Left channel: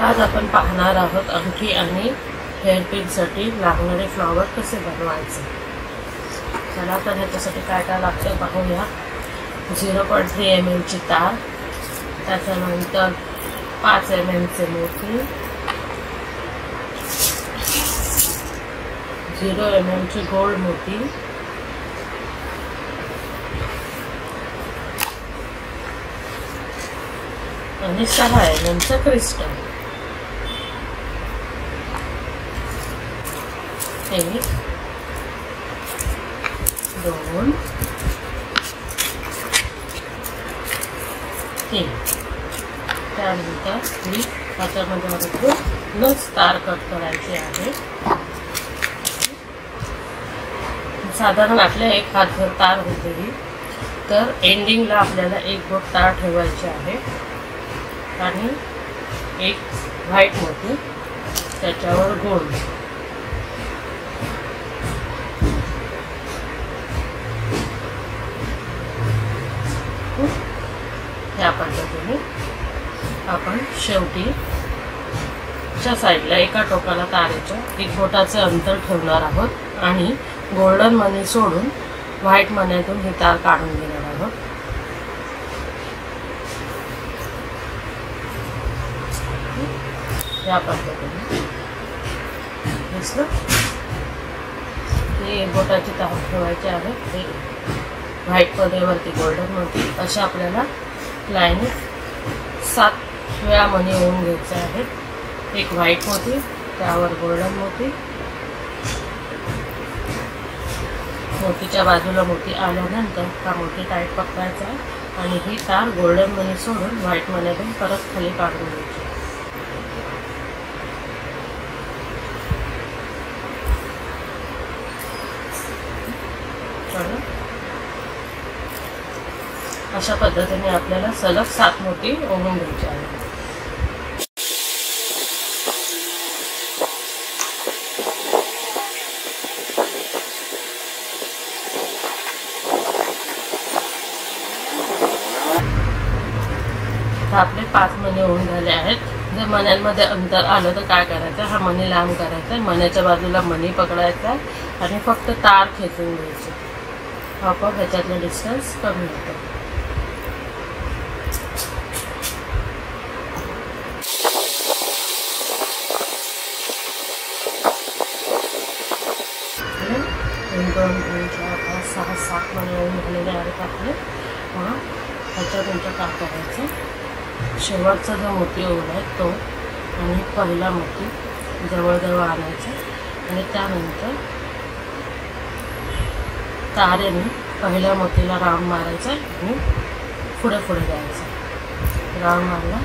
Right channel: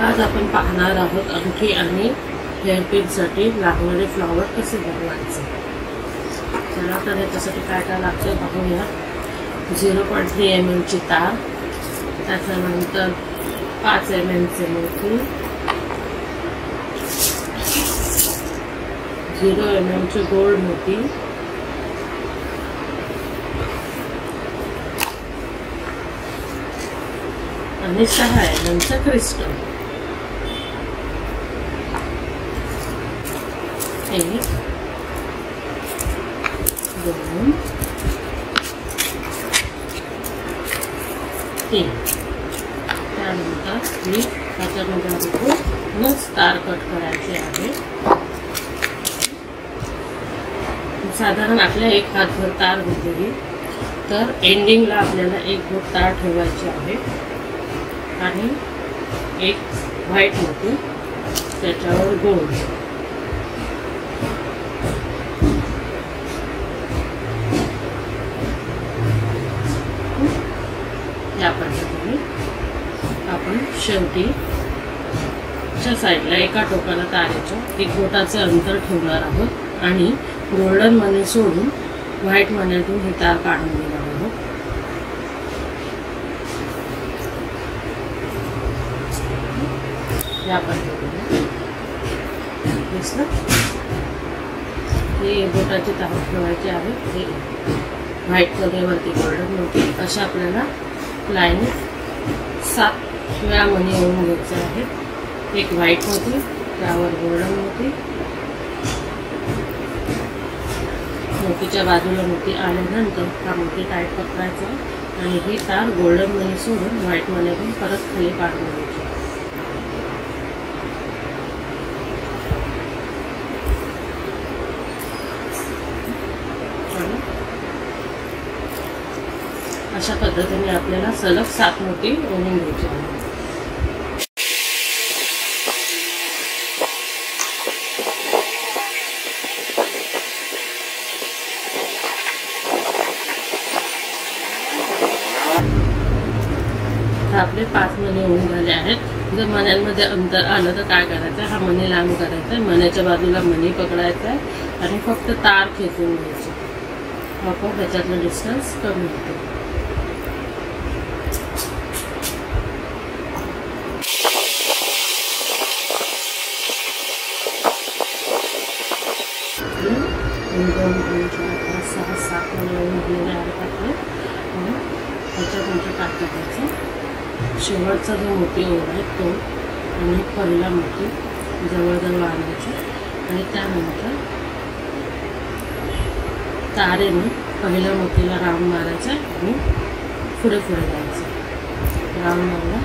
आज आपण पाहणार आहोत अंगठी आणि हेअरपिनसाठी लागणारे फ्लॉवर कसे बनवायचे। चला तर ह्याच्यासाठी काय काय लागते पाहूया। 0.3 mm ची तार, त्याच्यानंतर 5 mm चे मोती, 0 mm चे गोल्ड मोती, आणि 6 mm चे क्रिस्टल। 1 2 3 त्यानंतर ही त्याच्यामध्ये नस तार कट करायची आहे। साधारण आपल्या 1 हातभर तार घेतली तर एंडिंगला आपल्याला 1 बोट तार ठेवायची आहे आणि 1 व्हाईट मोती त्याच्यावर गोल्ड। या पद्धतीने आपण शेवटी च्या साईडला एका टोकाला तारेच्या 1 बोटाचे अंतर ठेवणार आहोत आणि गोल्डन मनी सोडून व्हाईट मनीतून ही तार काढून घेणार आहोत। या पद्धतीने दिसलं। ही बोटाची तार ठेवायची आहे, व्हाईट मध्ये वरती गोल्डन मोती। अशा आपल्याला लाईन 7 वेळा मणी येऊन घ्यायचे आहेत। 1 व्हाईट मोती, त्यावर गोल्डन मोती, मोतीच्या बाजूला मोती आल्यानंतर हा मोती टाईट पकडायचा आणि ही तार गोल्डन मनी सोडून व्हाईट मनीतून परत खाली काढून घ्यायची। अशा पद्धतीने आपल्याला सलग 7 मोती ओढून घ्यायची आहे। आपले 5 मणी होऊन झाले आहेत। जर मण्यांमध्ये अंतर आलं तर काय करायचं, हा मणी लांब करायचा, मण्याच्या बाजूला मणी पकडायचा आणि फक्त तार खेचून घ्यायची। आपोआप त्याच्यातलं डिस्टन्स कमी होतं। सहा 7 मणी झालेले आहेत आपले। त्याच्यानंतर काय करायचं, शेवटचा जो मोती ओढ आहे तो आणि पहिला मोती जवळजवळ आणायचा आणि त्यानंतर तारेने पहिल्या मोतीला राऊंड मारायचा आणि पुढे पुढे जायचं। राऊंड मारला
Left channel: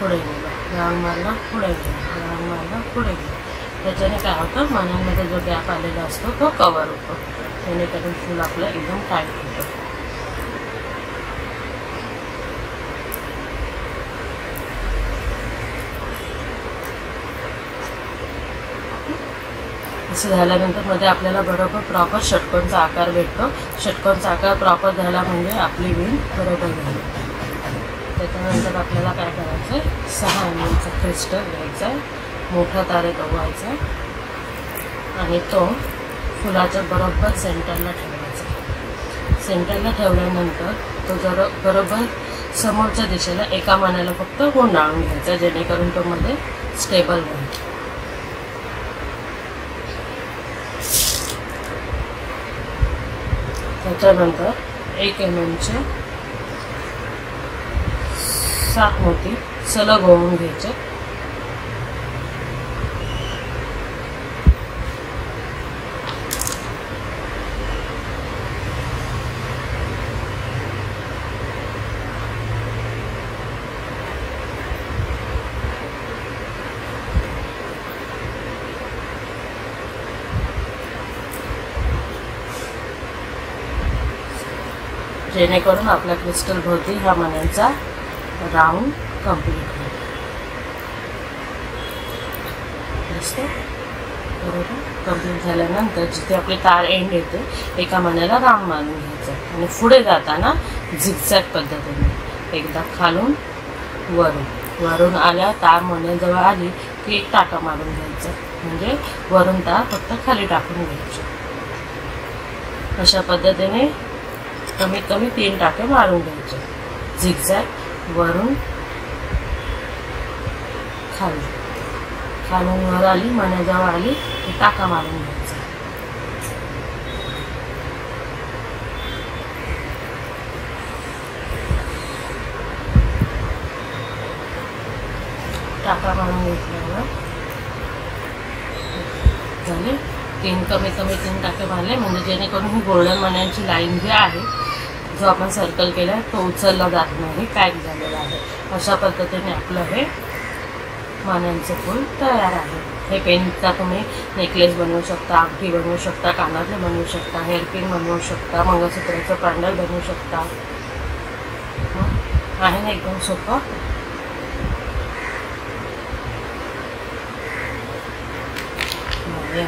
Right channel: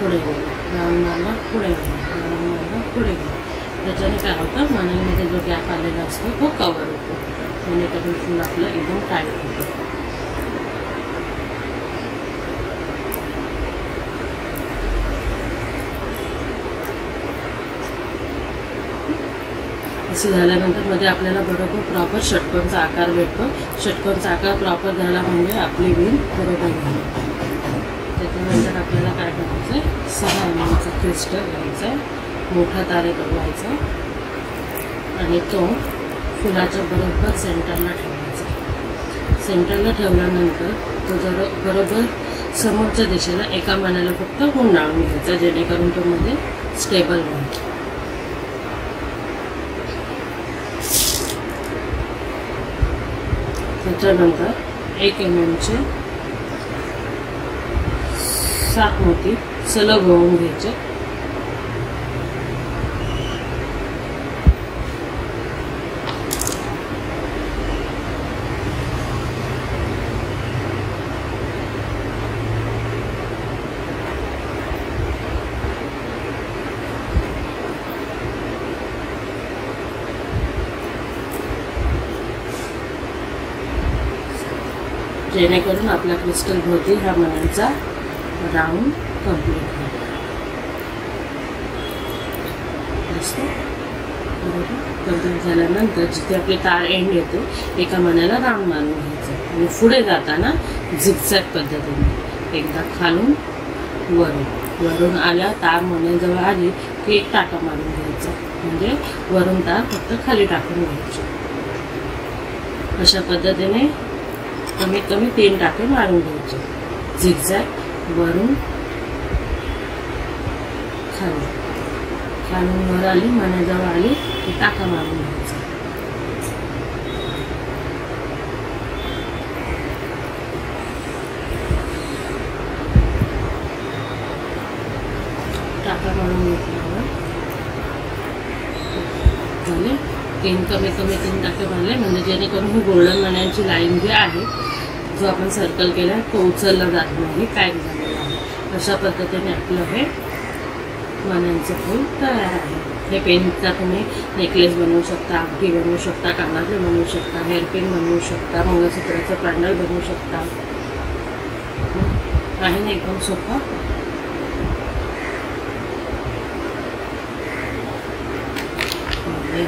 पुढे गेला, राऊंड मारला पुढे गेला, राऊंड मारला पुढे गेला। त्याच्याने काय होतं, मण्यांमध्ये जो गॅप आलेला असतो तो कव्हर होतो, जेणेकरून फूल आपलं एकदम टाईट होतं। असं झाल्यानंतर मध्ये आपल्याला बरोबर प्रॉपर षटकोनचा आकार भेटतो। षटकोनचा आकार प्रॉपर झाला म्हणजे आपली विण बरोबर झाली। त्याच्यानंतर आपल्याला काय करायचं, 6 mm चा क्रिस्टल घ्यायचा, मोठा तारे बनवायचा आणि तो फुलाच्या बरोबर सेंटरला ठेवायचा। सेंटरला ठेवल्यानंतर तो बरोबर समोरच्या दिशेला एका मण्याला फक्त गुंडाळून घ्यायचा, जेणेकरून तो मध्ये स्टेबल होईल। त्याच्यानंतर 1 mm चे 7 मोती सलग होऊन घ्यायचे। जेणेकरून आपल्या क्रिस्टल भोवती हा मण्यांचा राऊंड कंप्लीट होईल। कंप्लीट झाल्यानंतर जिथे आपली तार एंड येते एका मण्याला राऊंड मारून घ्यायचं आणि पुढे जाताना झिगझॅग पद्धतीने एकदा खालून वरून वरून आल्या तार मण्याजवळ आली की एक टाका मारून घ्यायचा, म्हणजे वरून तार फक्त खाली टाकून घ्यायची. अशा पद्धतीने कमीत कमी 3 टाके मारून घ्यायचे. झिगझॅग वरून खाली, खालून वर आली मण्याजवळ आली की टाका मारून घ्यायचा. टाका मारून घेतल्यावर झाले 3, कमीत कमी 3 टाके मारले, म्हणजे जेणेकरून ही गोल्डन मण्यांची लाईन जी आहे, जो आपण सर्कल केला तो उचलला जात नाही, पॅक झालेला आहे. अशा पद्धतीने आपलं हे मण्यांचं फूल तयार आहे. हे पेनचा तुम्ही नेकलेस बनवू शकता, अंगठी बनवू शकता, कानातले बनवू शकता, हेअरपिन बनवू शकता, मंगळसूत्राचं पॅन्डल बनवू शकता. आहे ना एकदम सोपं. आहे